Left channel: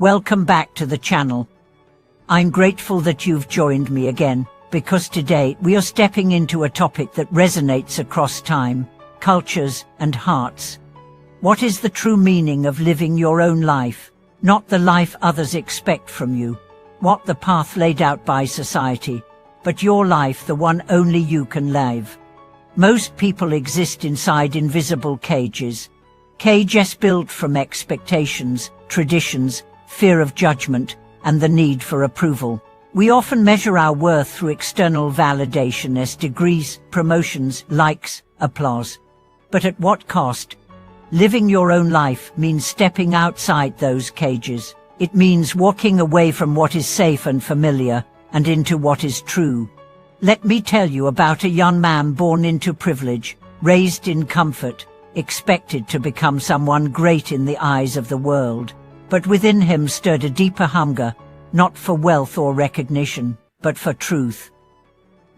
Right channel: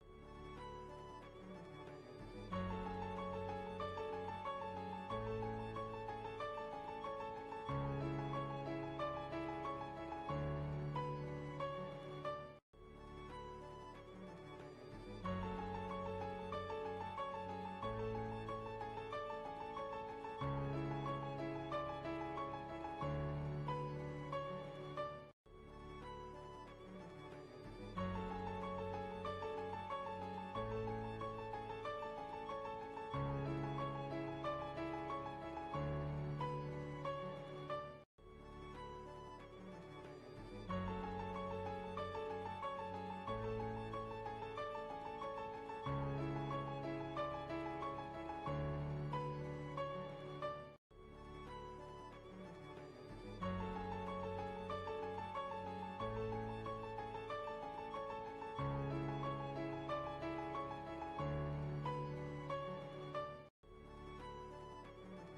Welcome back to the channel. I'm grateful that you've joined me again, because today we are stepping into a topic that resonates across time, cultures, and hearts. What is the true meaning of living your own life, not the life others expect from you? What the path laid out by society, but your life, the one only you can live. Most people exist inside invisible cages built from expectations, traditions, fear of judgment, and the need for approval. We often measure our worth through external validation as degrees, promotions, likes, applause. But at what cost? Living your own life means stepping outside those cages. It means walking away from what is safe and familiar and into what is true. Let me tell you about a young man born into privilege, raised in comfort, expected to become someone great in the eyes of the world. But within him stirred a deeper hunger, not for wealth or recognition, but for truth.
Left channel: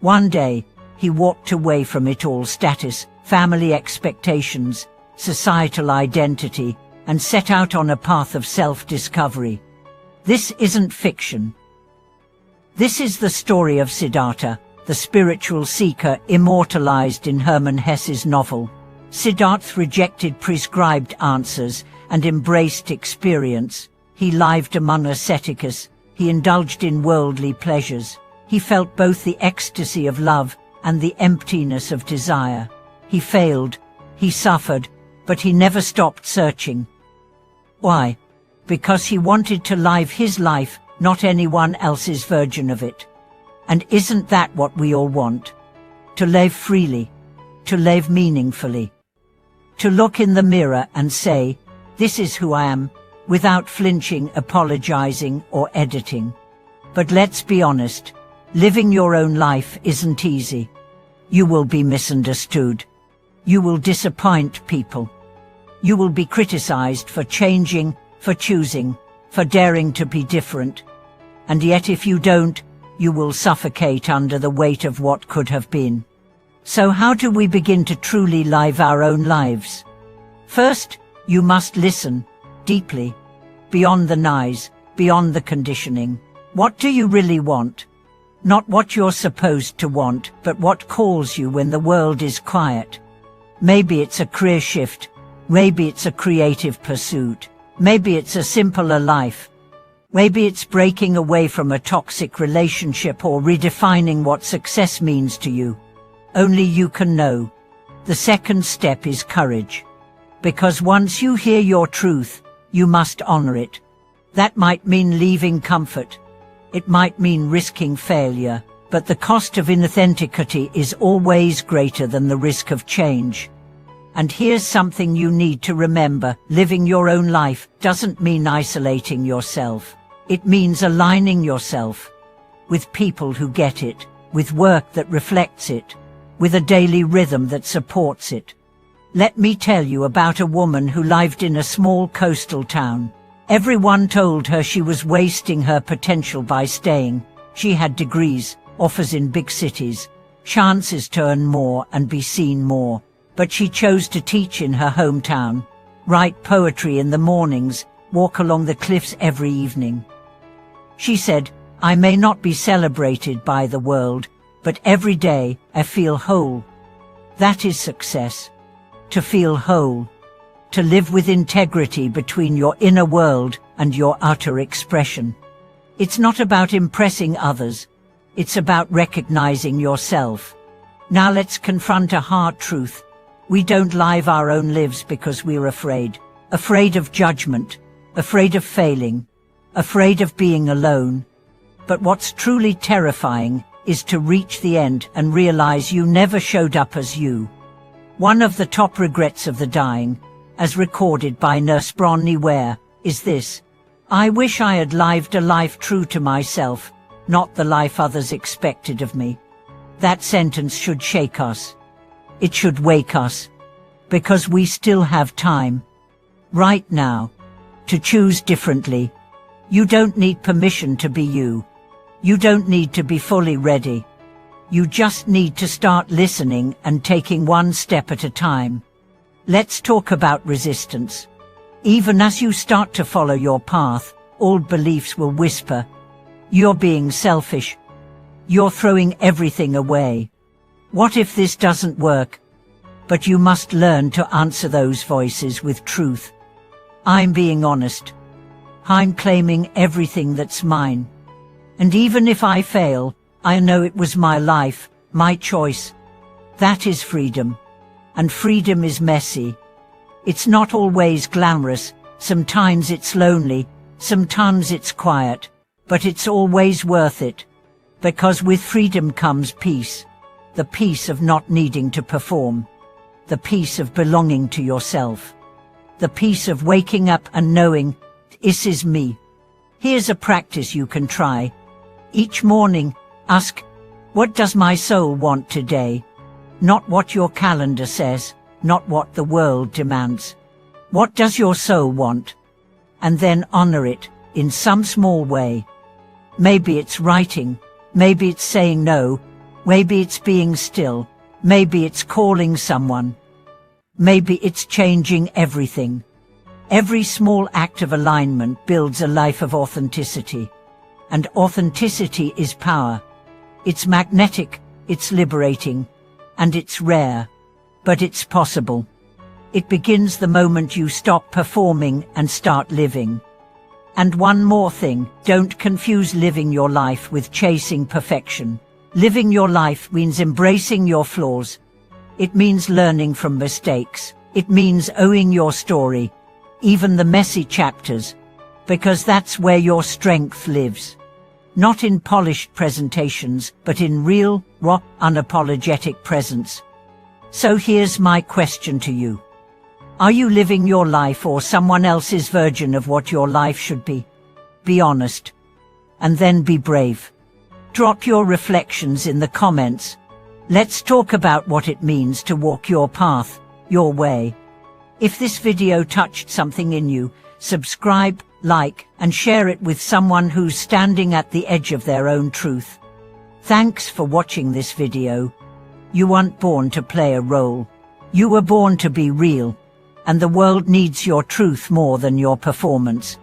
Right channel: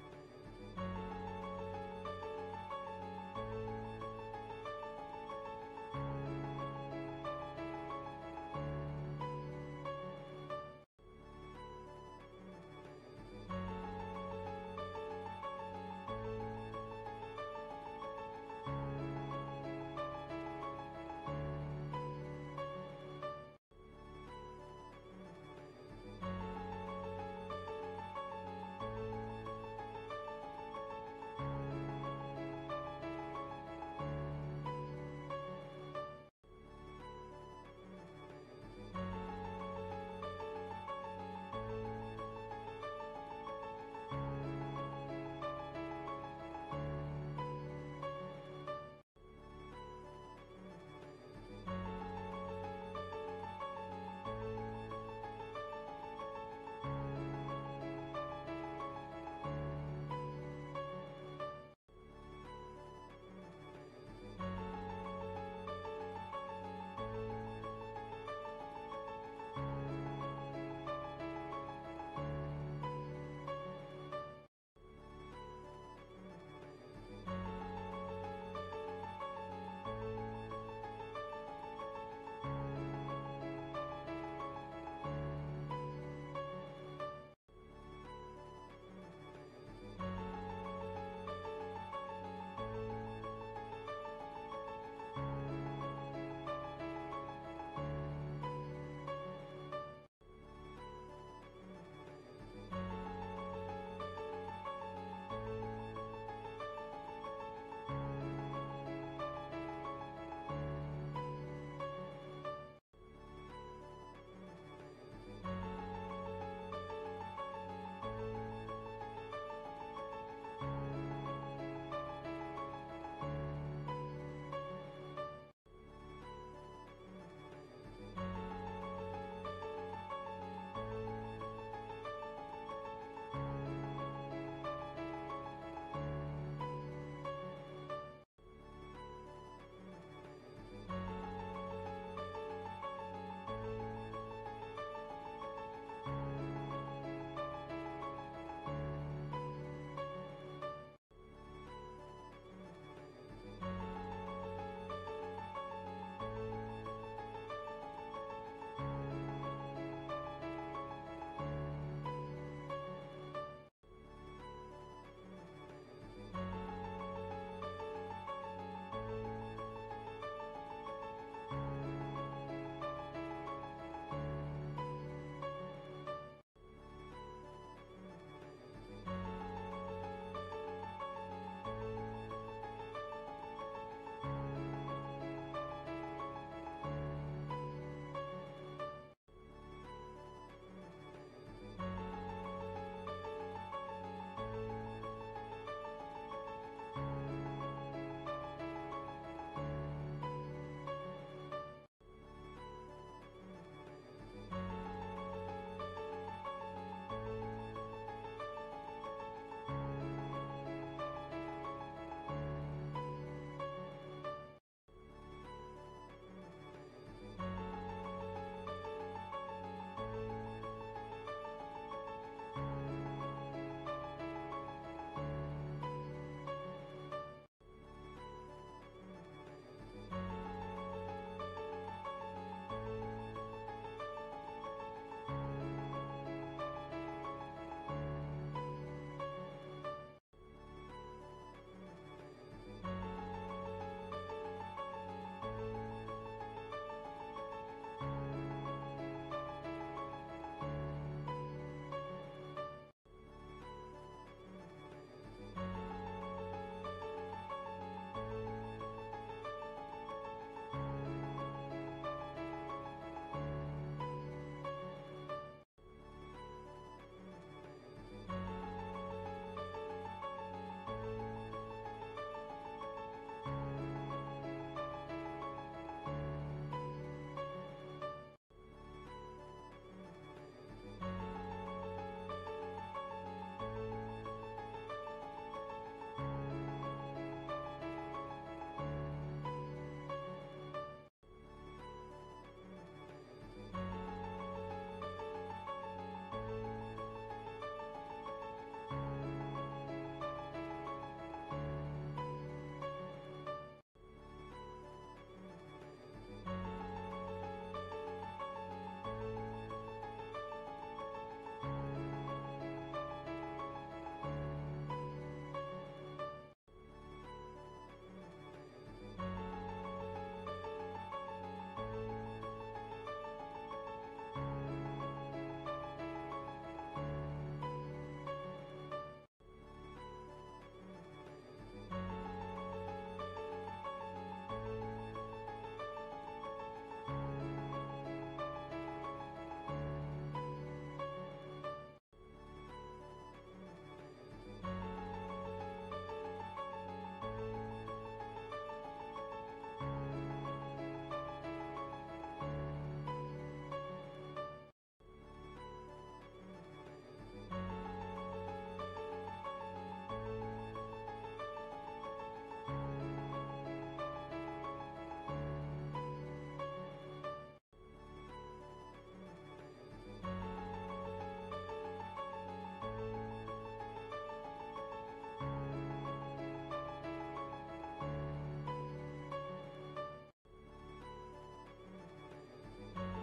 One day, he walked away from it all: status, family expectations, societal identity, and set out on a path of self-discovery. This isn't fiction. This is the story of Siddhartha, the spiritual seeker immortalized in Hermann Hesse's novel. Siddhartha rejected prescribed answers and embraced experience. He lived among ascetics. He indulged in worldly pleasures. He felt both the ecstasy of love and the emptiness of desire. He failed, he suffered, but he never stopped searching. Why? Because he wanted to live his life, not anyone else's version of it. And isn't that what we all want? To live freely, to live meaningfully. To look in the mirror and say, "This is who I am," without flinching, apologizing, or editing. But let's be honest, living your own life isn't easy. You will be misunderstood. You will disappoint people. You will be criticized for changing, for choosing, for daring to be different. And yet if you don't, you will suffocate under the weight of what could have been. So how do we begin to truly live our own lives? First, you must listen deeply, beyond the noise, beyond the conditioning. What do you really want? Not what you're supposed to want, but what calls you when the world is quiet. Maybe it's a career shift. Maybe it's a creative pursuit. Maybe it's a simpler life. Maybe it's breaking away from a toxic relationship or redefining what success means to you. Only you can know. The second step is courage. Because once you hear your truth, you must honor it. That might mean leaving comfort. It might mean risking failure, but the cost of inauthenticity is always greater than the risk of change. And here's something you need to remember: living your own life doesn't mean isolating yourself. It means aligning yourself with people who get it, with work that reflects it, with a daily rhythm that supports it. Let me tell you about a woman who lived in a small coastal town. Everyone told her she was wasting her potential by staying. She had degrees, offers in big cities, chances to earn more and be seen more. But she chose to teach in her hometown, write poetry in the mornings, walk along the cliffs every evening. She said, "I may not be celebrated by the world, but every day I feel whole." That is success. To feel whole. To live with integrity between your inner world and your outer expression. It's not about impressing others. It's about recognizing yourself. Now let's confront a hard truth. We don't live our own lives because we're afraid. Afraid of judgment. Afraid of failing. Afraid of being alone. But what's truly terrifying is to reach the end and realize you never showed up as you. One of the top regrets of the dying, as recorded by Nurse Bronnie Ware, is this: "I wish I had lived a life true to myself, not the life others expected of me." That sentence should shake us. It should wake us. Because we still have time, right now, to choose differently. You don't need permission to be you. You don't need to be fully ready. You just need to start listening and taking one step at a time. Let's talk about resistance. Even as you start to follow your path, old beliefs will whisper, "You're being selfish. You're throwing everything away. What if this doesn't work?" But you must learn to answer those voices with truth. I'm being honest. I'm claiming everything that's mine. And even if I fail, I know it was my life, my choice. That is freedom. And freedom is messy. It's not always glamorous. Sometimes it's lonely. Sometimes it's quiet. But it's always worth it. Because with freedom comes peace. The peace of not needing to perform. The peace of belonging to yourself. The peace of waking up and knowing, this is me. Here's a practice you can try. Each morning, ask, what does my soul want today? Not what your calendar says, not what the world demands. What does your soul want? And then honor it in some small way. Maybe it's writing, maybe it's saying no, maybe it's being still, maybe it's calling someone. Maybe it's changing everything. Every small act of alignment builds a life of authenticity. And authenticity is power. It's magnetic, it's liberating, and it's rare. But it's possible. It begins the moment you stop performing and start living. And one more thing, don't confuse living your life with chasing perfection. Living your life means embracing your flaws. It means learning from mistakes. It means owning your story, even the messy chapters, because that's where your strength lives. Not in polished presentations, but in real, raw, unapologetic presence. So here's my question to you. Are you living your life or someone else's version of what your life should be? Be honest. And then be brave. Drop your reflections in the comments. Let's talk about what it means to walk your path, your way. If this video touched something in you, subscribe, like, and share it with someone who's standing at the edge of their own truth. Thanks for watching this video. You weren't born to play a role. You were born to be real. And the world needs your truth more than your performance.